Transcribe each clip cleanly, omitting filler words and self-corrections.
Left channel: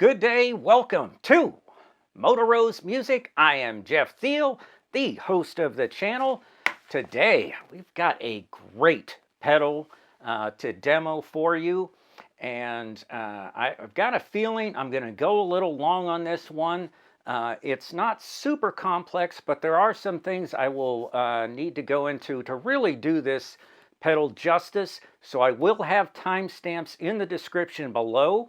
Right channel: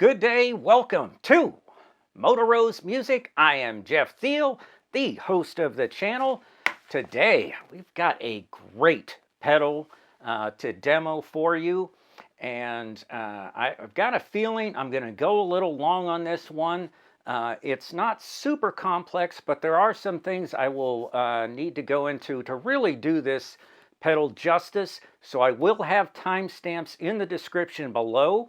Good day, welcome to Motorose Music. I am Jeff Thiel, the host of the channel. Today, we've got a great pedal to demo for you. And I've got a feeling I'm going to go a little long on this one. It's not super complex, but there are some things I will need to go into to really do this pedal justice. So I will have timestamps in the description below.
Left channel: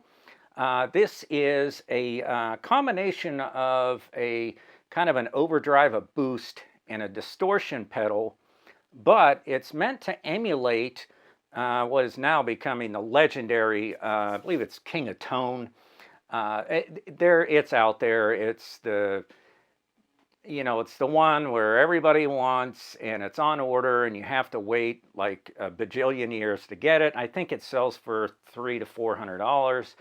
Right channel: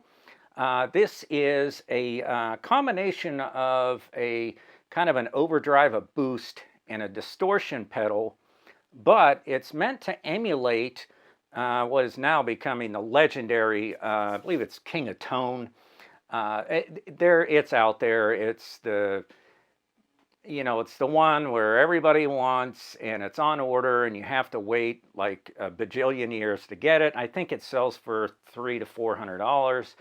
This is a combination of a kind of an overdrive, a boost, and a distortion pedal, but it's meant to emulate what is now becoming the legendary, I believe it's King of Tone. It's out there. It's the, it's the one where everybody wants, and it's on order, and you have to wait like a bajillion years to get it. I think it sells for $300 to $400.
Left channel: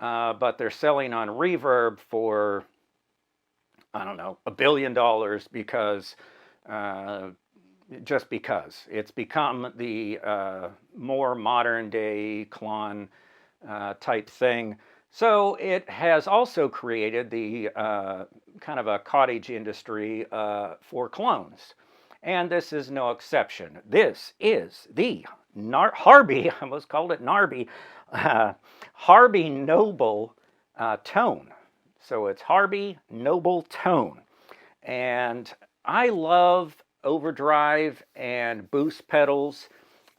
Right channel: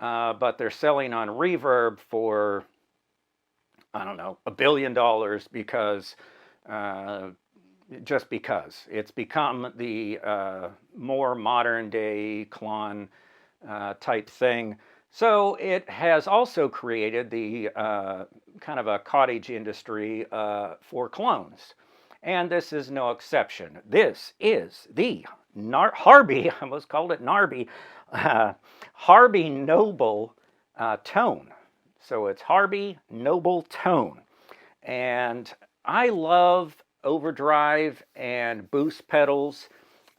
But they're selling on Reverb for, I don't know, $1 billion because, just because. It's become the more modern day Klon type thing. So it has also created the kind of a cottage industry for clones. And this is no exception. This is the Harby, I almost called it Narby, Harby Noble Tone. So it's Harby Noble Tone. And I love overdrive and boost pedals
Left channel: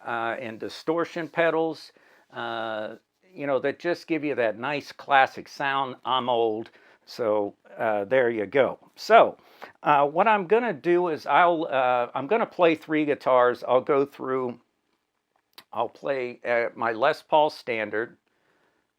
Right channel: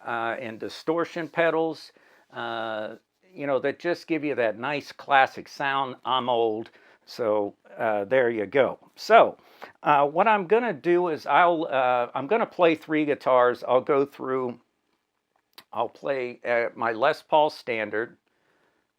and distortion pedals, that just give you that nice classic sound. I'm old, so there you go. So what I'm going to do is I'm going to play 3 guitars. I'll play my Les Paul Standard,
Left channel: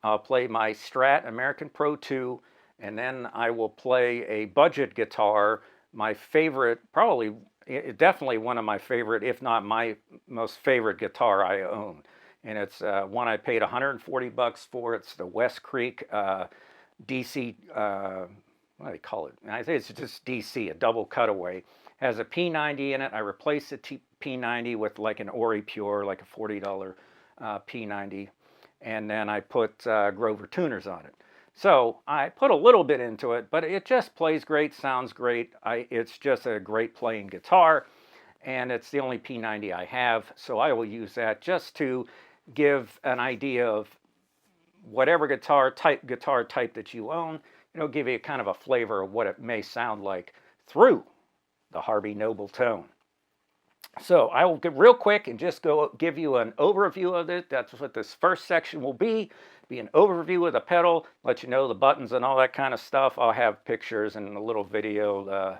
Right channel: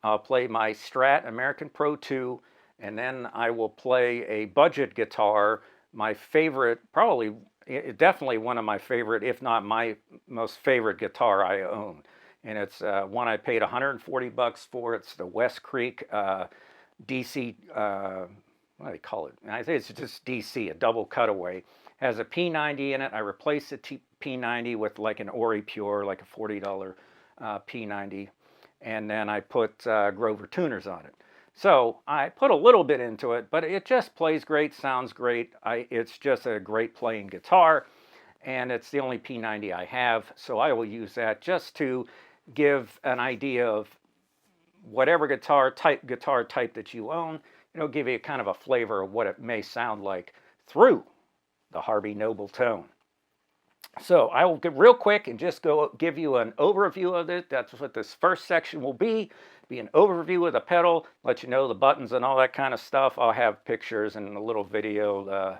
I'll play my Strat American Pro 2, and then I will play a budget guitar, my favorite, definitely one of my favorite, if not my most favorite guitar I own. And it's one I paid $140 for. It's the West Creek DC, what do they call it? I think it's just DC, a double cutaway. Has a P90 in it. I replaced the P90 with like an Ori Pure, like a $40 P90. And then I put Grover tuners on it. So I put a little bit into it, but it just plays great, sounds great. It's just a great playing guitar, and it's the only P90 I have. So I will use that just to give an idea of whatever guitar type that you own. Give you kind of a flavor of what it may sound like through the Harby Noble Tone. So I will get real quick and just give you an overview of it. That's what this first section will be an overview of the pedal, let you know the buttons and all that kind of stuff. I'll have pictures and a little video,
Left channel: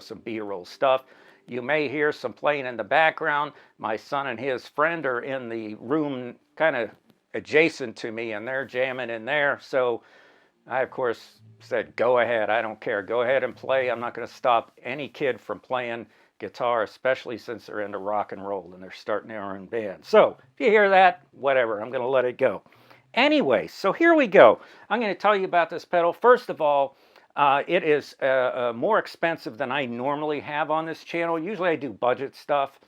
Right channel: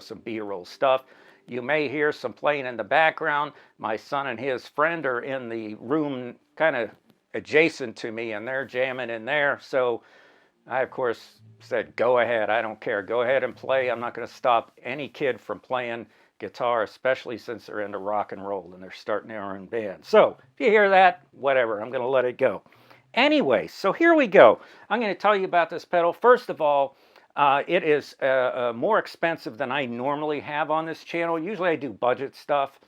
some B-roll stuff. You may hear some playing in the background. My son and his friend are in the room kind of adjacent to me, and they're jamming in there. So I, of course, said, go ahead. I don't care. Go ahead and play. I'm not going to stop any kid from playing guitar, especially since they're into rock and roll and they're starting their own band. So if you hear that, whatever, I'm going to let it go. Anyway, so here we go. I'm going to tell you about this pedal. First of all, it is more expensive than I normally have on this channel. Usually I do budget stuff,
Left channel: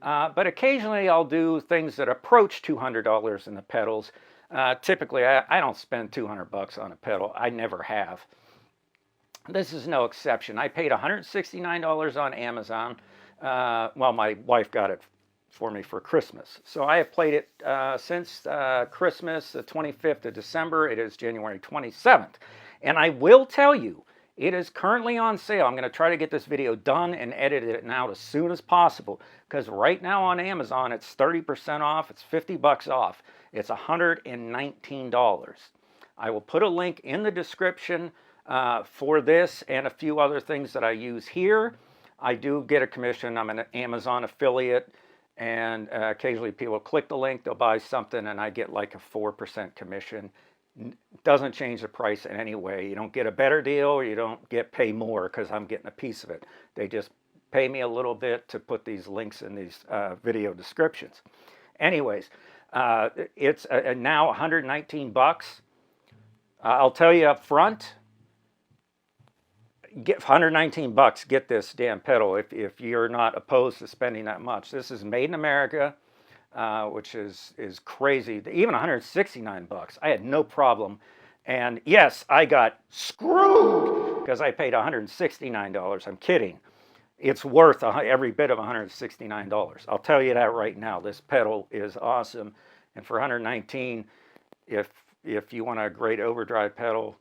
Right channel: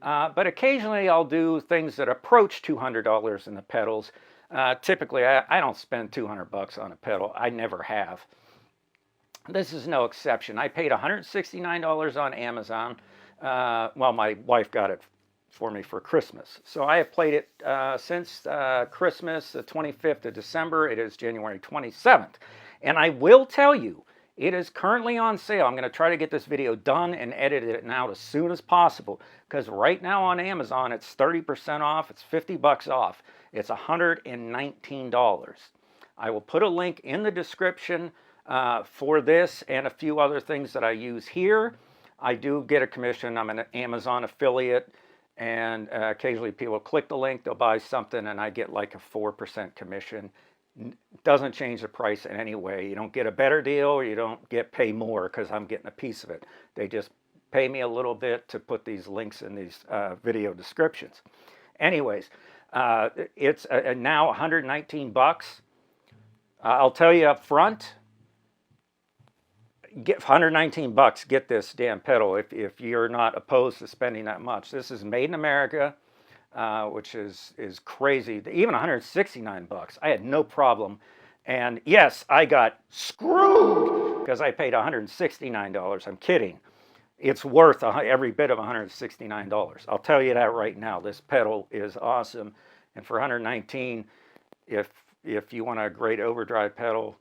but occasionally I'll do things that approach $200 in the pedals. Typically, I don't spend $200 on a pedal. I never have. This is no exception. I paid $169 on Amazon. Well, my wife got it for me for Christmas. So I have played it since Christmas, the 25th of December. It is January 27th. And I will tell you, it is currently on sale. I'm going to try to get this video done and edit it out as soon as possible, because right now on Amazon, it's 30% off. It's $50 off. It's $119. I will put a link in the description for this and a few other things that I use here. I do get a commission. I'm an Amazon affiliate, and occasionally people click the link, they'll buy something, and I get like a 4% commission. Doesn't change the price in any way. You don't get a better deal, or you don't pay more because I'm getting a piece of it. They just pay me a little bit to put these links in these video descriptions. Anyways, it's now $119. I'll tell you up front, get $119, get this damn pedal if you're not opposed to spending that much. This is made in America. which is crazy. Even $169, I had no problem And yes, I got screwed because I paid $169. I'm kidding. It's worth every bit of $169. I'll tell you that right now. This pedal is awesome. And for $119, if you want a great overdrive pedal,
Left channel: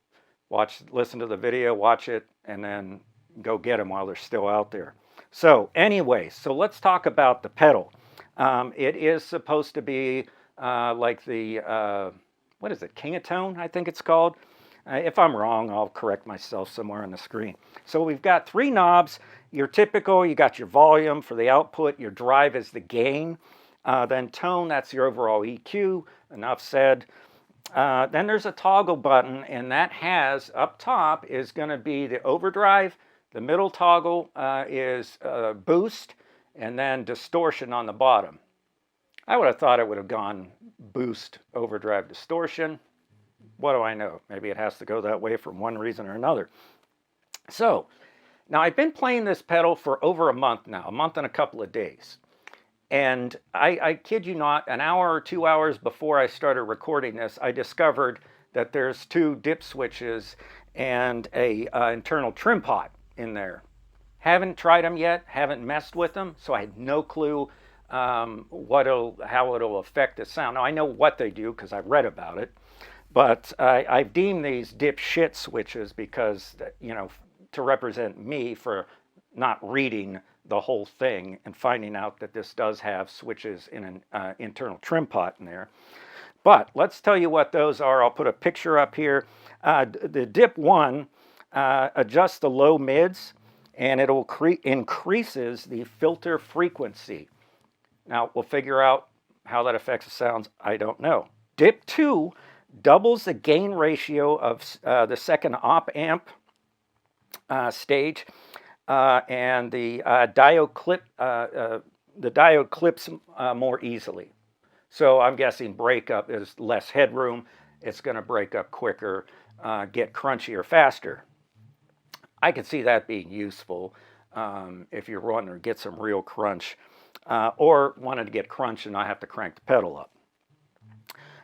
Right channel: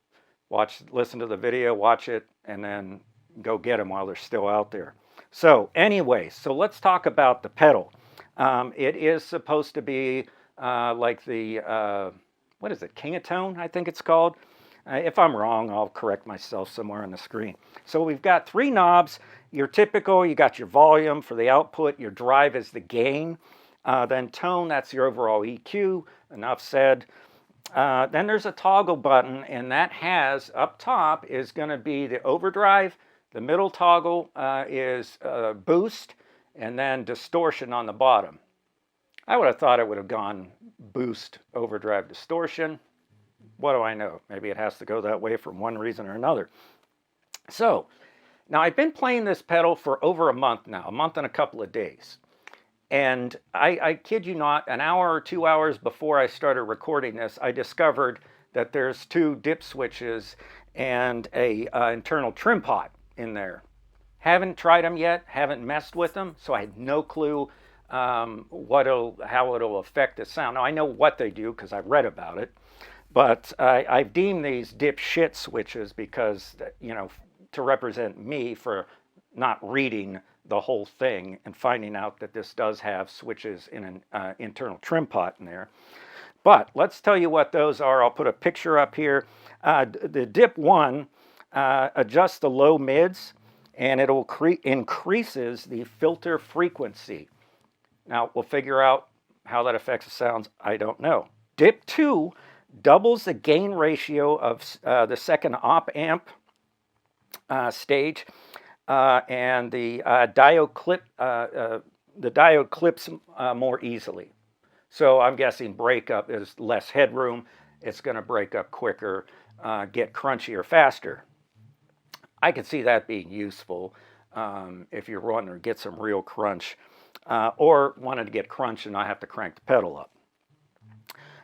listen to the video, watch it, and then go get them while they're still out there. So anyway, so let's talk about the pedal. It is supposed to be like the, what is it, King of Tone, I think it's called. If I'm wrong, I'll correct myself somewhere on the screen. So we've got 3 knobs. Your typical, you got your volume for the output, your drive is the gain, then tone, that's your overall EQ, enough said. Then there's a toggle button, and that has, up top, is going to be the overdrive. The middle toggle is boost, and then distortion on the bottom. I would have thought it would have gone boost, overdrive, distortion. What do I know? Maybe it has to go that way for one reason or another. So, now I've been playing this pedal for over a month now, a month and a couple of days. And I kid you not, an hour or 2 hours before I started recording this, I discovered that there's 2 dip switches and a internal trim pot in there. Haven't tried them yet, haven't messed with them, so I had no clue how it'll affect the sound. Now I know what they do because I've read about it, but I've deemed these dipshit switches because, you know, to represent me for not reading the whole thing and finding out that this does have switches in an internal trim pot in there. But let's tell you what those are. I'll put a picture up here. The dip 1 adjusts the low mids, and it'll increases the filter frequency. Now we'll figure out how that affects the sounds. I don't know. Dip 2 doubles the gain ratio of the second op amp stage, and the diode clips more easily. So I'm guessing breakup is less headroom. It's going to break up quicker, get crunchier faster. I could see that being useful if you're wanting to get some real crunch, or wanted to get crunch and not have to crank the pedal up.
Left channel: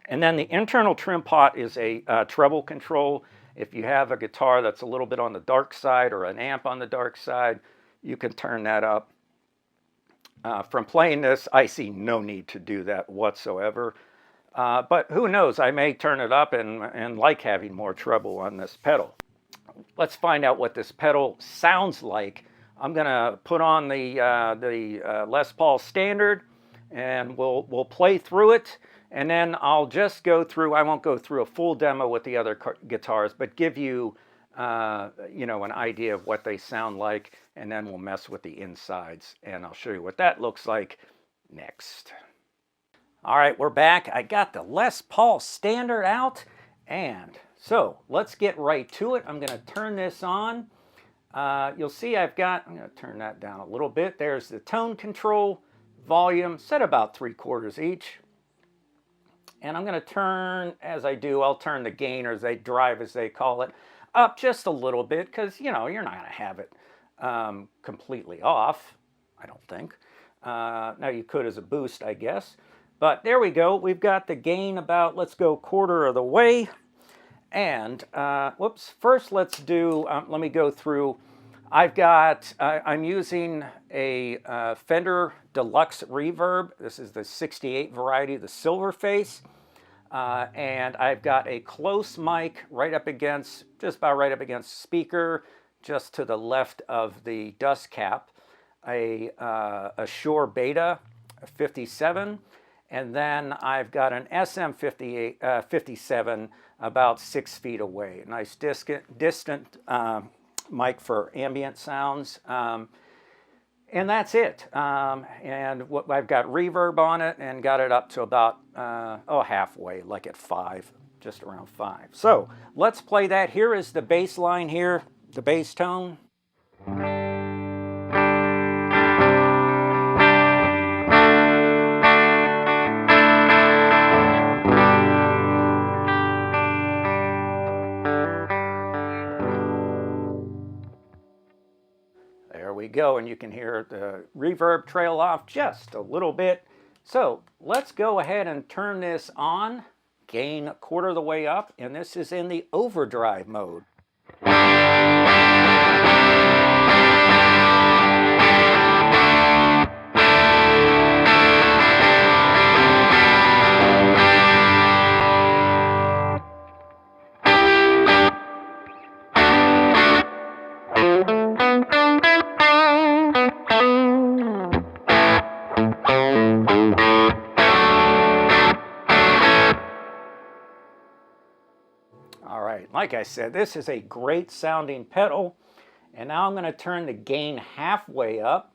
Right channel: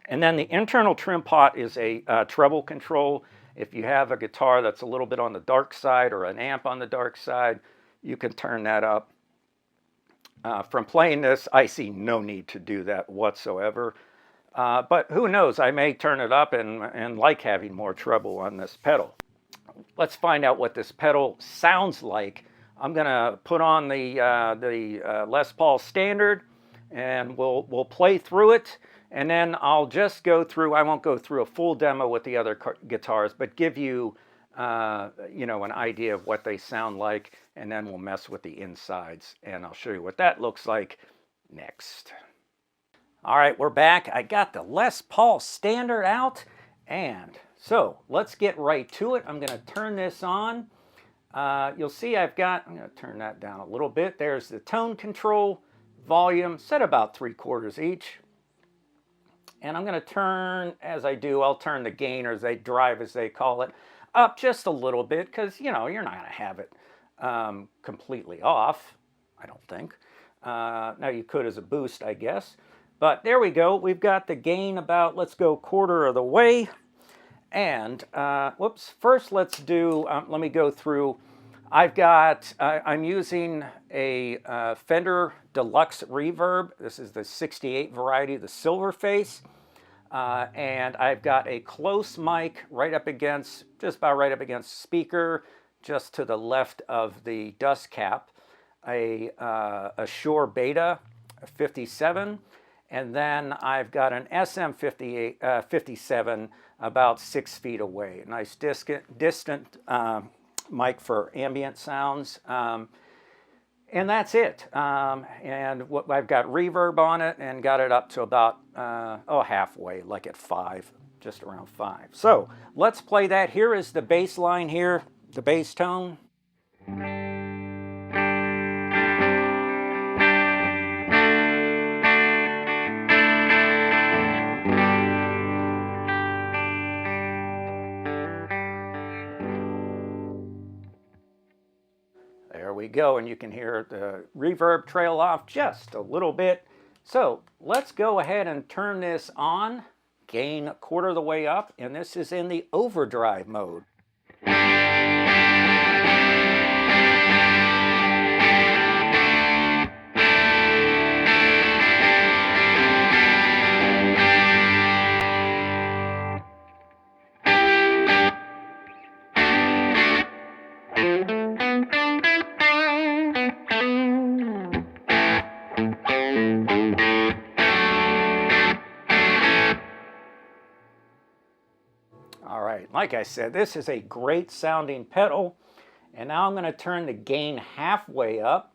And then the internal trim pot is a treble control. If you have a guitar that's a little bit on the dark side or an amp on the dark side, you can turn that up. From playing this, I see no need to do that whatsoever. But who knows, I may turn it up and like having more treble on this pedal. Let's find out what this pedal sounds like. I'm going to put on the Les Paul Standard, and we'll play through it. And then I'll just go through, I won't go through a full demo with the other guitars, but give you, you know, an idea of what they sound like, and then we'll mess with the insides, and I'll show you what that looks like next. All right, we're back. I got the Les Paul Standard out, and so let's get right to it. I'm going to turn this on. You'll see I'm going to turn that down a little bit. There's the tone control, volume, set about 3/4 each. And I'm going to turn, as I do, I'll turn the gain, or they drive as they call it, up just a little bit, because, you know, you're not going to have it completely off, I don't think. Now you could as a boost, I guess. But there we go. We've got the gain about, let's go 1/4 of the way. And, whoops, first let's do, let me go through. I'm using a Fender Deluxe Reverb. This is the 68 variety, the silver face. And I've got a close mic right up against, just about right up against speaker, just to the left of the dust cap. A Shure Beta 57. And then I've got an SM57 about 6 feet away. A nice distant mic for ambient sounds, and that's it. And I've got reverb on it and got it up to about halfway, like at 5, just around 5. So let's play that. Here is the bass line here, the bass tone. There we go, and you can hear the reverb trail off just a little bit. So let's go ahead and turn this on gain a quarter of the way up, and this is in the overdrive mode. All right, like I said, this is a great sounding pedal. And now I'm going to turn the gain halfway up.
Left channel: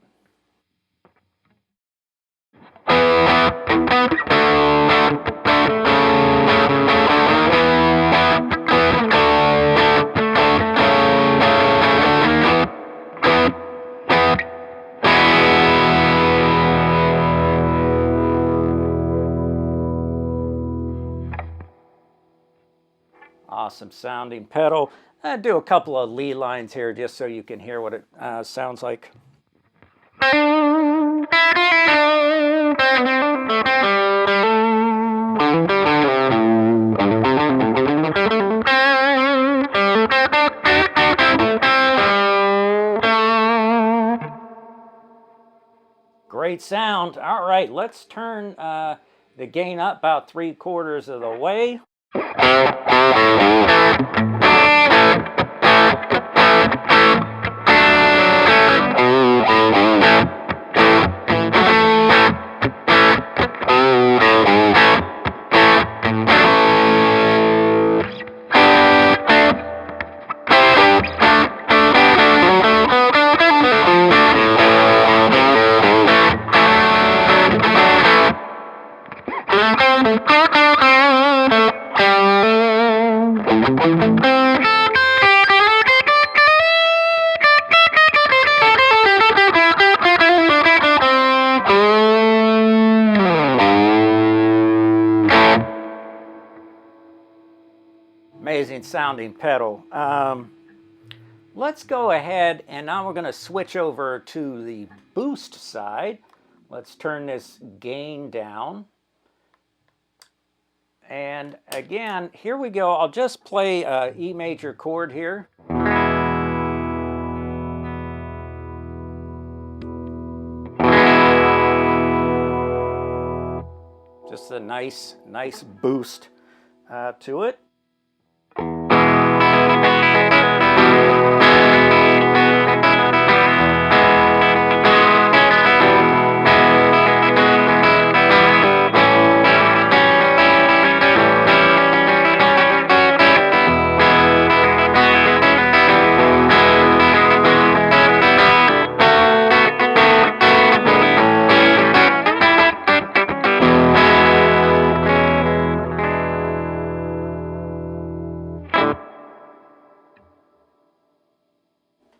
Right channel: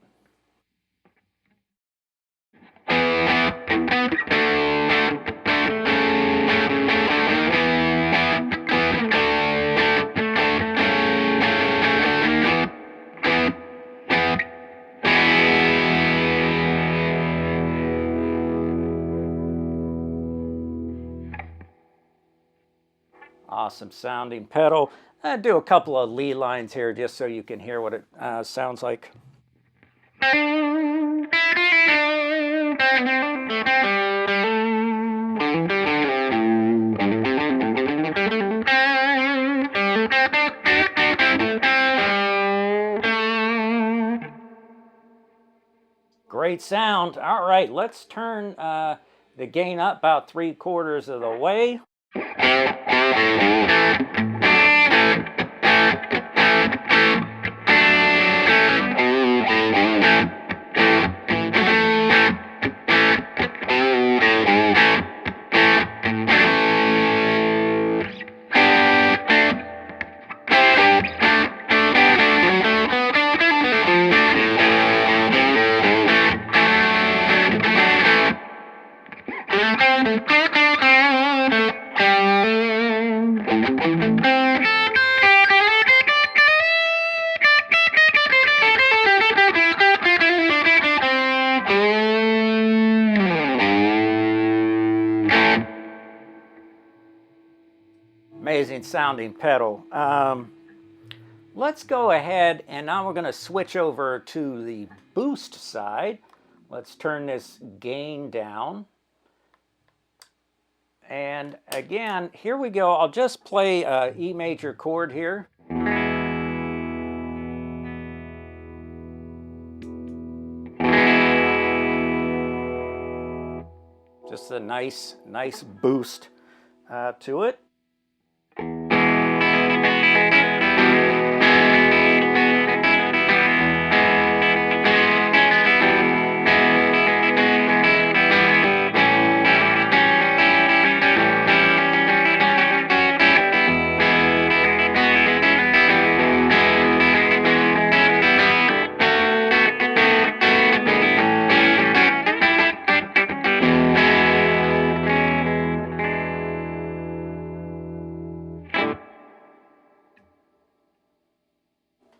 Awesome sounding pedal. I'll do a couple of lead lines here just so you can hear what it sounds like. Great sound. All right, let's turn the gain up about 3/4 of the way. Amazing sounding pedal. Let's go ahead and now we're going to switch over to the boost side. Let's turn this gain down. And again, here we go. I'll just play an E major chord here. Just a nice boost to it.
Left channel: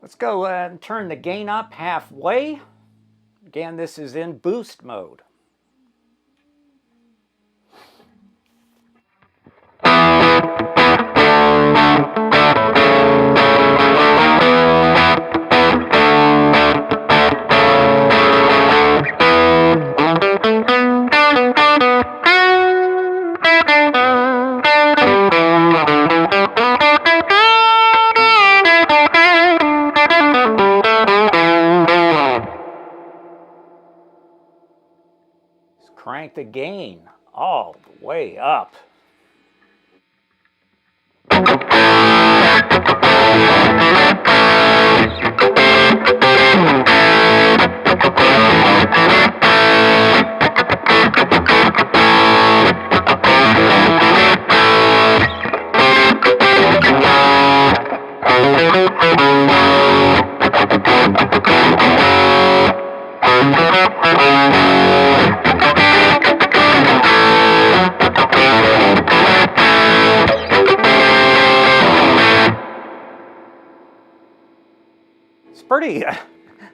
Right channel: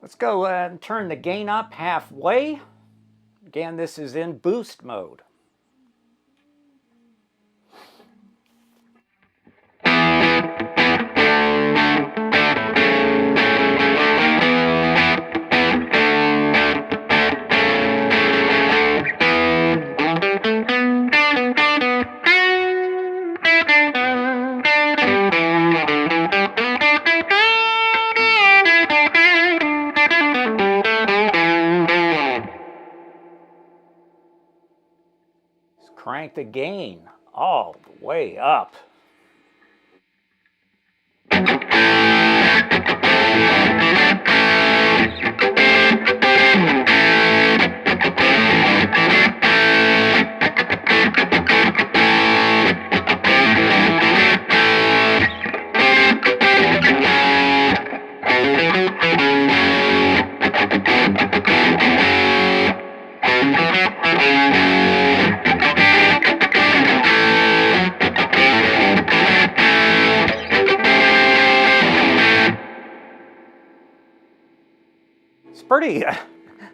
Let's go and turn the gain up halfway. Again, this is in boost mode. Crank the gain all the way up.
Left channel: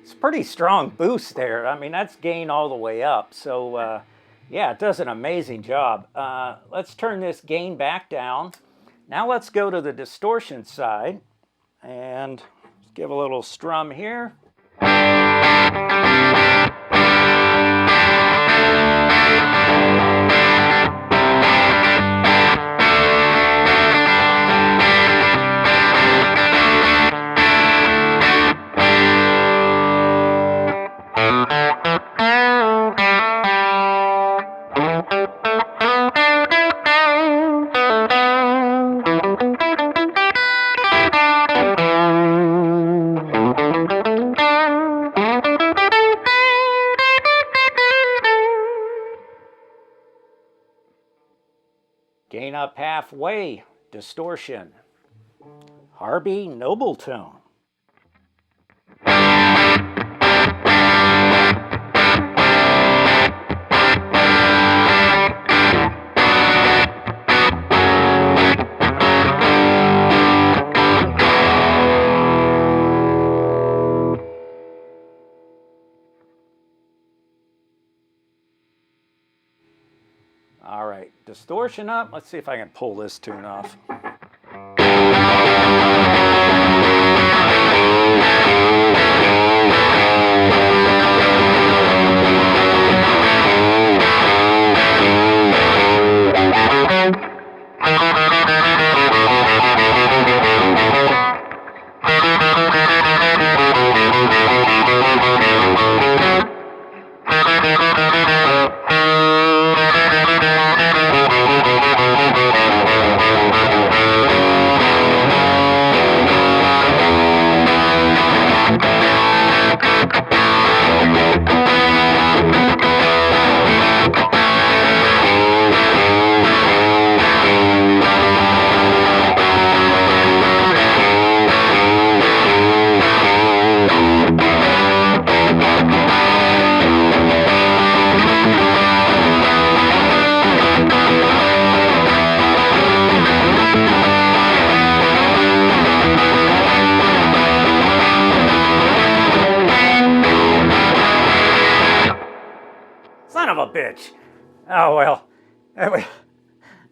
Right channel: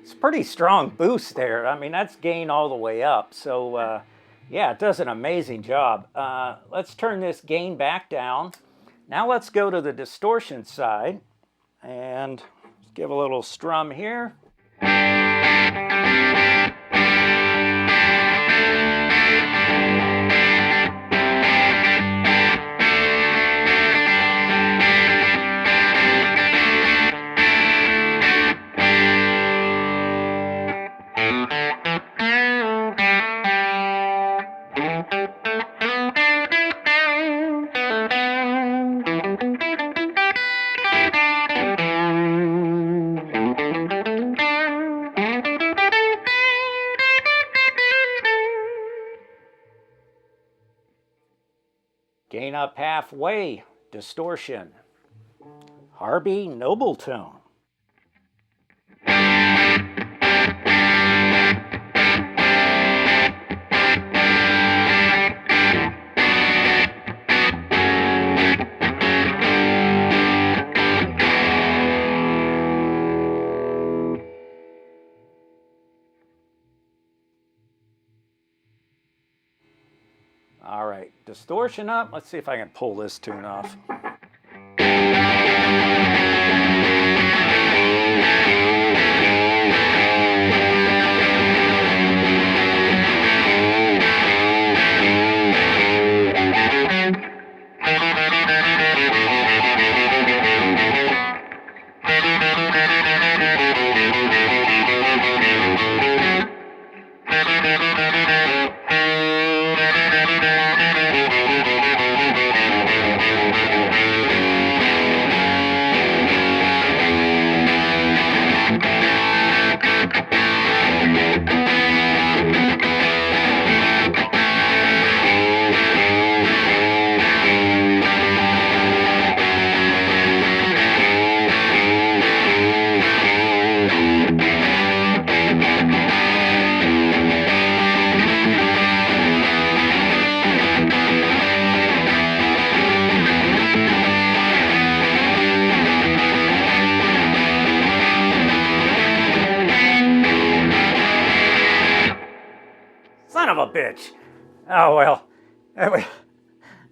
It's pretty strong boost there. I mean, that's gain all the way up. So yeah, it does an amazing job. Let's turn this gain back down. Now let's go to the distortion side and give a little strum here. up halfway, Distortion, Harby Noble Tone. All right, distortion up. Let's see if I can pull this tune off. Son of a bitch. Oh, well,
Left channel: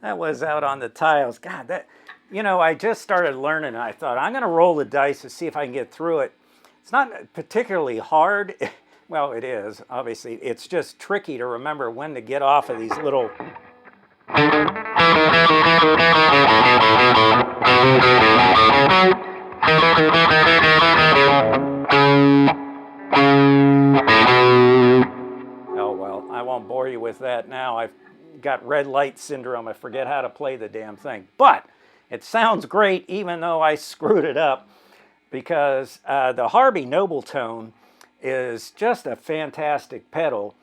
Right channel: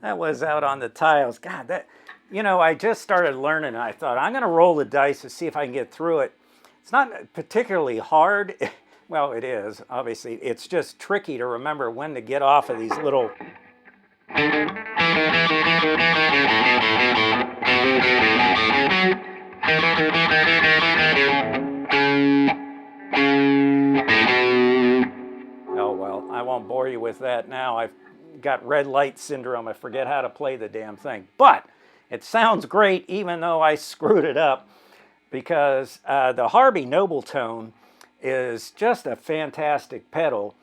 that was out on the tiles. God, that, you know, I just started learning. And I thought, I'm going to roll the dice to see if I can get through it. It's not particularly hard. Well, it is, obviously. It's just tricky to remember when to get off of these little... Oh, well, I won't bore you with that now. I've got red light syndrome. I forget how to play the damn thing. But it sounds great, even though I screwed it up, because the Harby Noble Tone is just a fantastic pedal.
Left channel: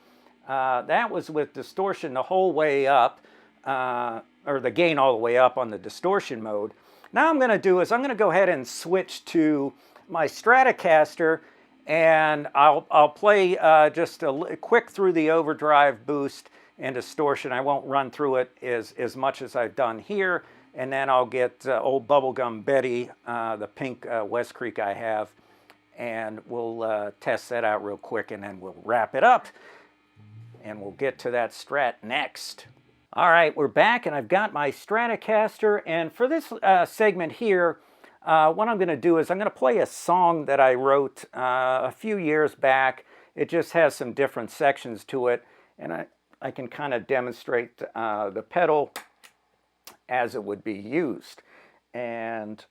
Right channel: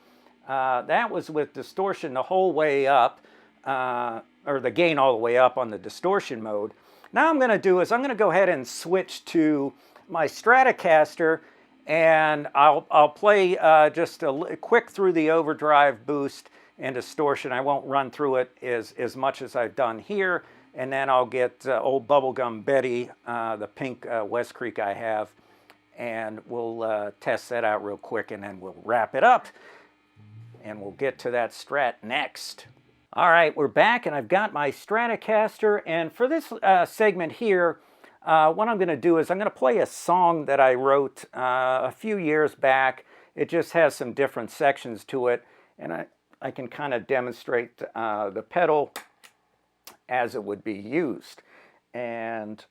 That was with distortion the whole way up, or the gain all the way up on the distortion mode. Now I'm going to do is I'm going to go ahead and switch to my Stratocaster, and I'll play just a quick through the overdrive, boost, and distortion. I won't run through it as much as I've done here, and then I'll get old Bubblegum Betty, the pink West Creek I have, and we'll test that out real quick, and then we'll wrap it up, and we'll get to that Strat next. All right, we're back, and I've got my Stratocaster, and for this segment here, what I'm going to do is I'm going to play a song that I wrote a few years back. It just has some different sections to it, and I can kind of demonstrate the pedal as it would be used. And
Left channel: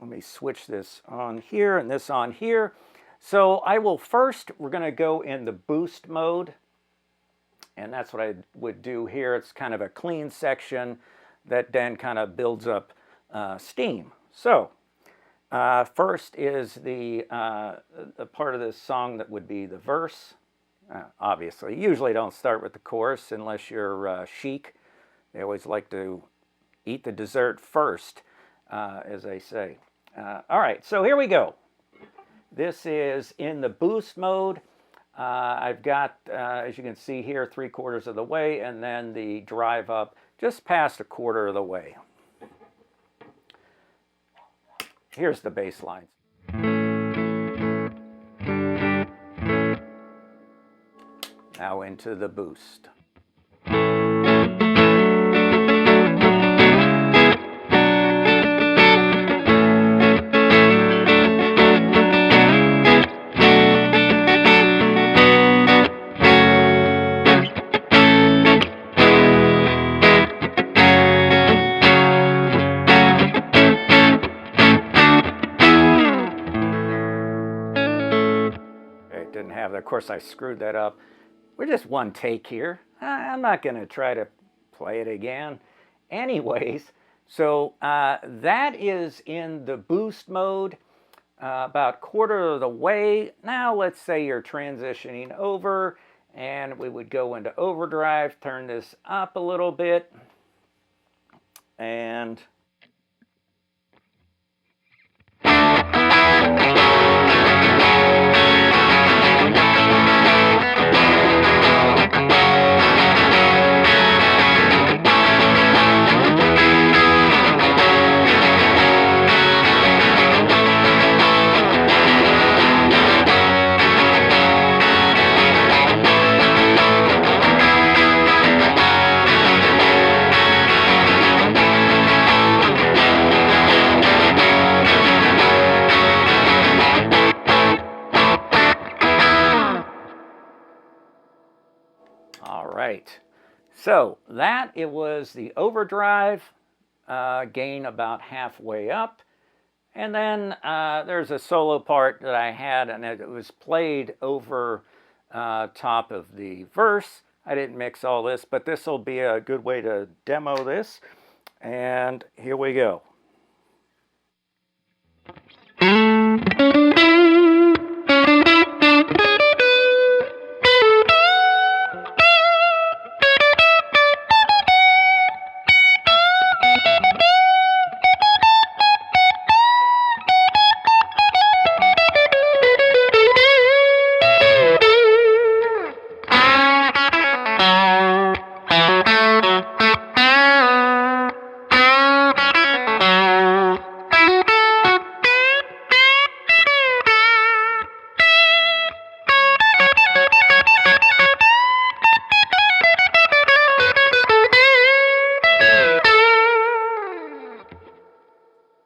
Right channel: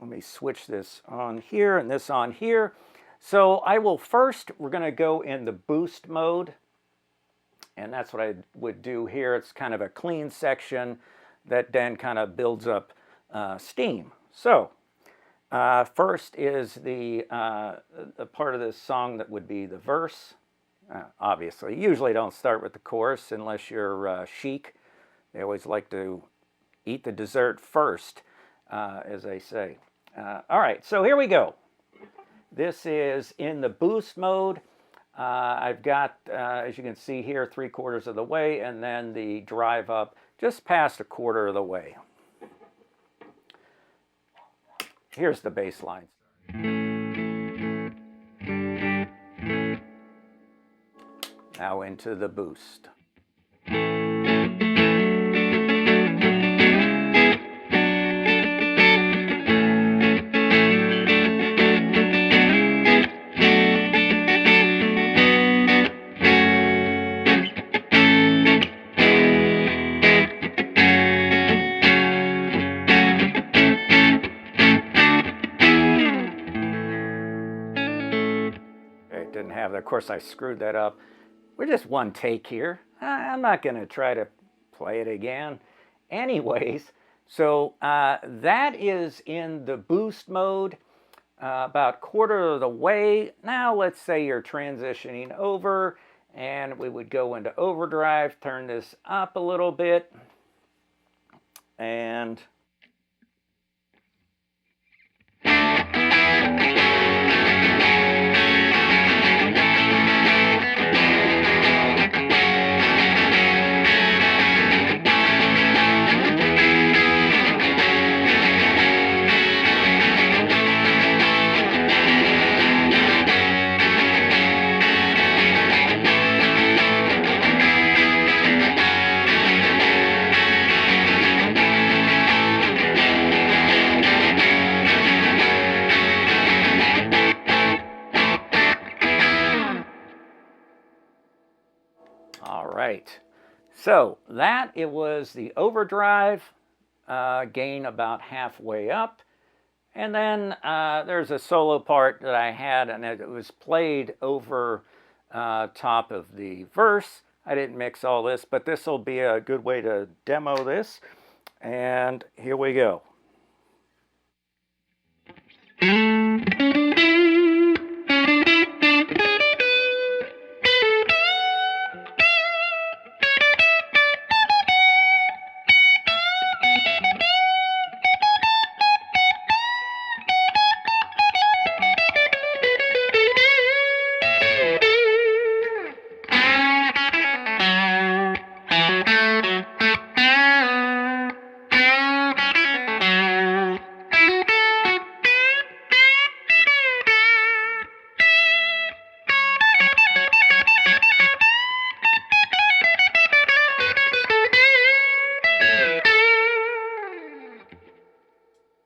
let me switch this on here and this on here. So I will first, we're going to go in the boost mode. And that's what I would do here. It's kind of a clean section that then kind of builds up steam. So first is the part of this song that would be the verse. Obviously, usually don't start with the chorus unless you're chic. They always like to eat the dessert first, as they say. All right, so here we go. This is in the boost mode. I've got, as you can see here, 3/4 of the way, and then the drive up just past 1/4 of the way. Here's the bass lines. Now into the boost. Of course, I screwed that up. We're just one take here. I'm not going to try to play it again. Anyways, so that is in the boost mode, about 1/4 of the way. Now let's say you're transitioning over, and we would go into overdrive, turn this up a little bit, and all right. So that it was the Overdrive, gain about halfway up. And then there's a solo part that I had, and it was played over top of the verse. I didn't mix all this, but this will be a good way to demo this. And here we go.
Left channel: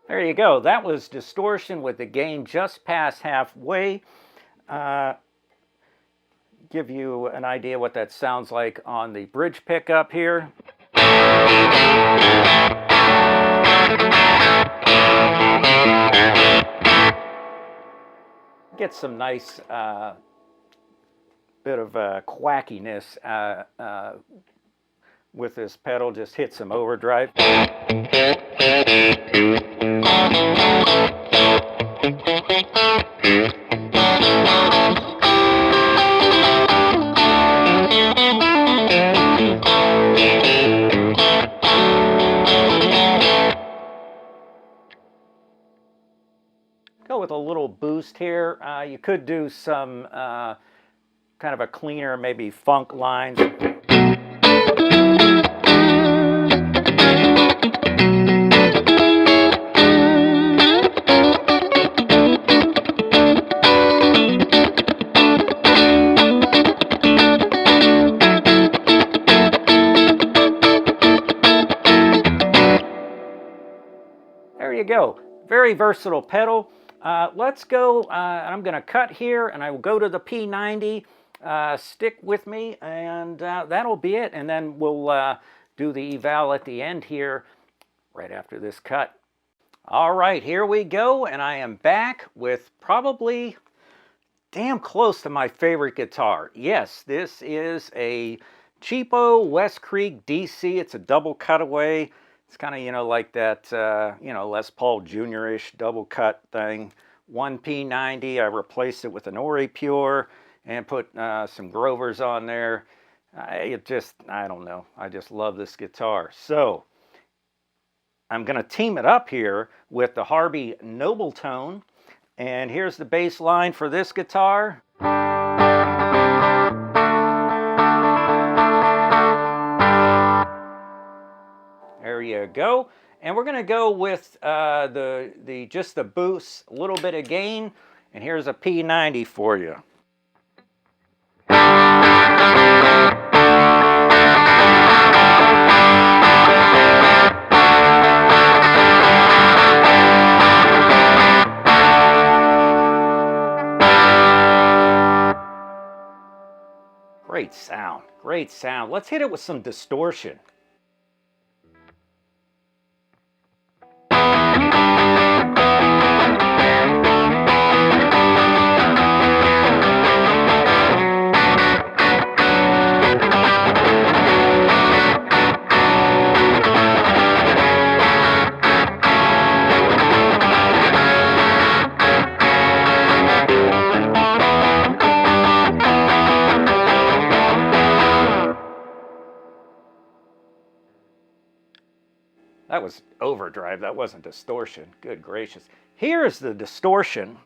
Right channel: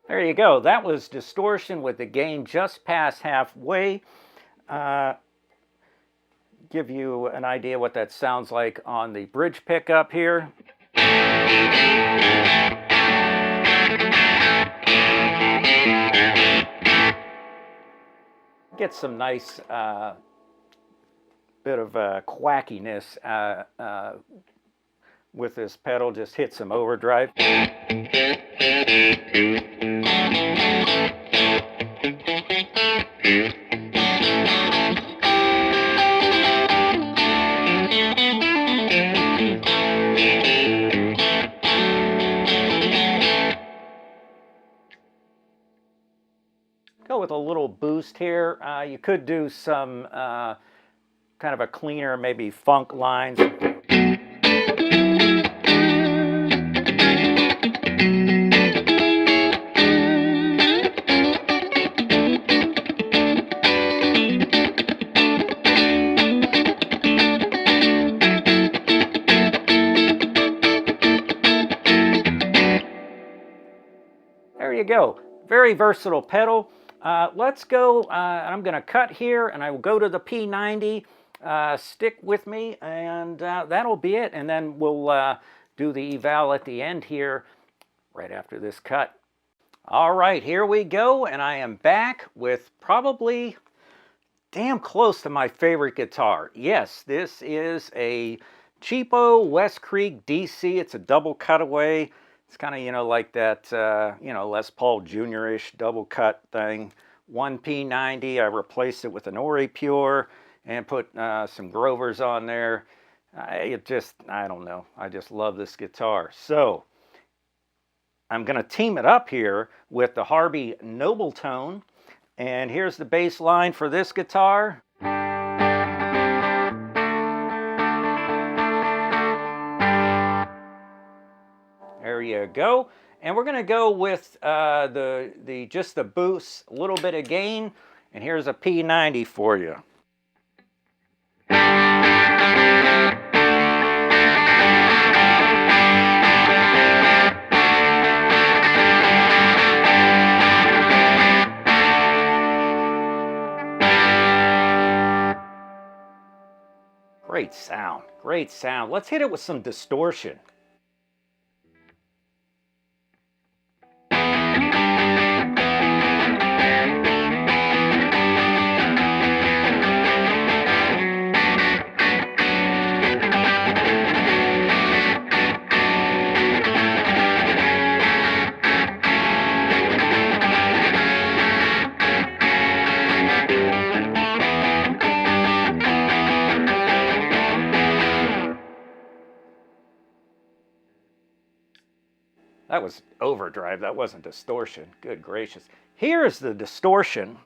There you go. That was Distortion with the gain just past halfway. Give you an idea what that sounds like on the bridge pickup here. Get some nice bit of quackiness with this pedal. Just hit some overdrive. Go with a little boost here. You could do some kind of a cleaner, maybe funk lines. There you go. Very versatile pedal. Let's go, I'm going to cut here and I will go to the P90. Stick with me and that'll be it. And then we'll do the eval at the end here right after this cut. All right, here we go. And I am back with probably damn close to my favorite guitar. Yes, this is a cheapo West Creek DC. It's a double cutaway. It's kind of, you know, like that, you know, Les Paul Jr.-ish double cut thing. One P90, I replaced it with an Ori Pure and put some Grovers on there. I don't know. I just love this guitar. So I'm going to team it up here with the Harby Noble Tone. And here's the bass line for this guitar. There you go. And we're going to go with just the boost, a little bit of gain. And here's a P90 for you. Great sound, great sound. Let's hit it with some distortion. That was Overdrive. That wasn't Distortion. Good gracious. Here's the Distortion.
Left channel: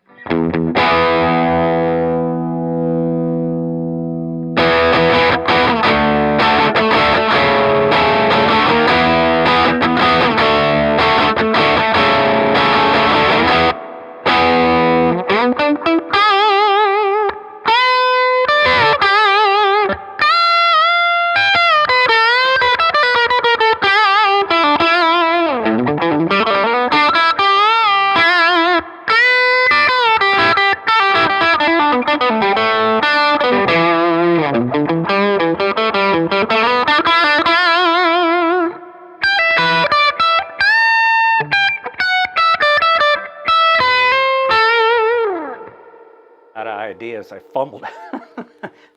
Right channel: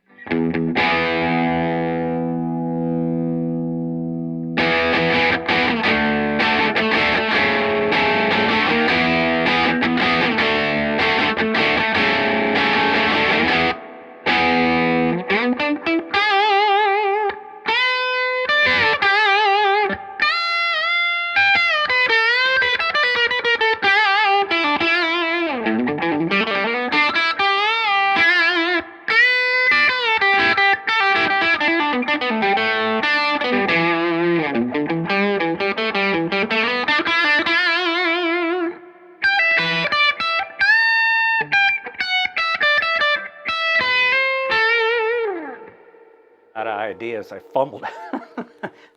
Out of ideas, I fumbled.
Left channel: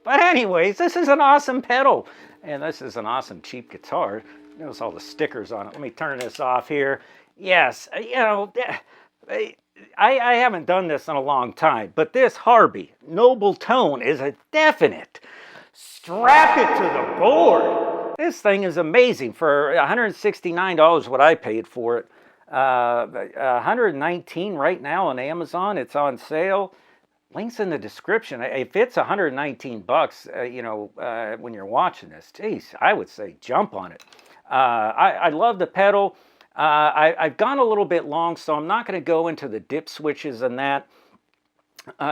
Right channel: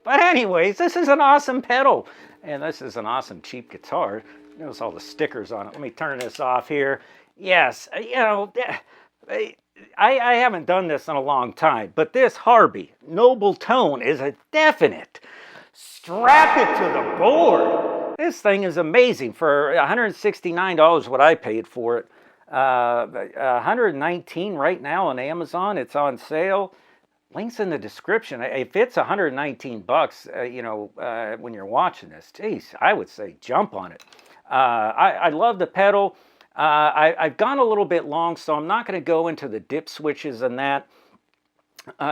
But anyways, this is an awesome pedal, and this is an awesome cheap guitar. Notice all the stickers on it. Let me turn this off here. Yes, you know, I haven't done this in a long time, but this Harby Noble Tone is a definite strap it to the board. This thing is amazing. For $169, what I paid for it, $119 right now on Amazon. It's on sale. Links in the description. If it's 119 bucks, you know, when you're watching this, geez, I would say jump on it. I love the pedal. I've gone a little bit long, so I'm not going to go into the dip switches and that.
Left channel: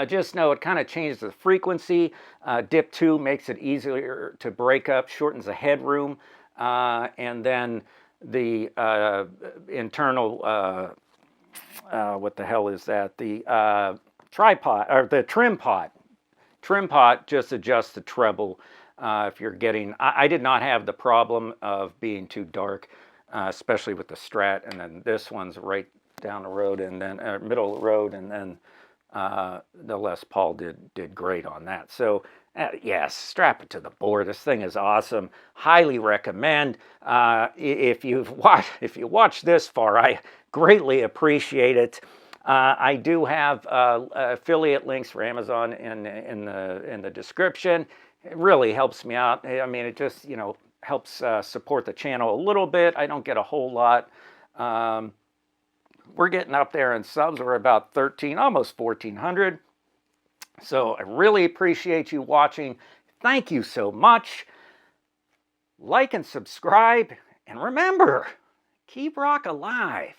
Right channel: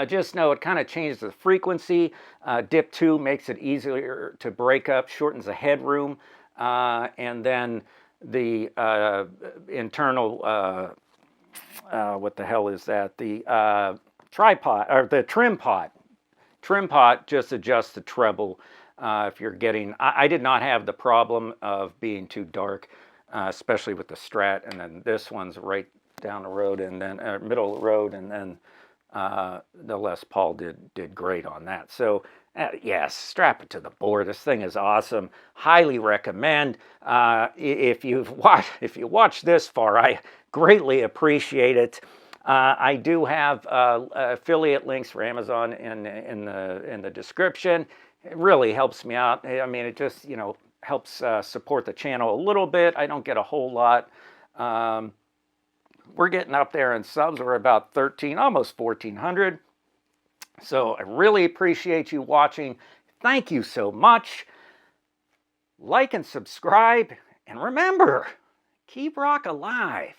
Just know it kind of changes the frequency. Dip 2 makes it easier to break up, shortens the headroom, and then the internal, what the hell is that? The tripod, or the trim pot. Trim pot just adjusts the treble. If you're getting, I did not have the problem of being too dark, especially with the Strat, and then this one's right down the road, and then middle of the road, and then the Les Paul did great on that. So yes, strap it to the board. This thing is awesome. Highly recommend. If you watch this far, I greatly appreciate it. I do have affiliate links for Amazon in the description. It really helps me out. I mean, it just, you know, helps support the channel a little bit. I don't get a whole lot. We're getting up there in subs. We're about 13, almost 1,400. So I really appreciate you watching. Thank you so much. Like and subscribe. And remember, keep rock alive.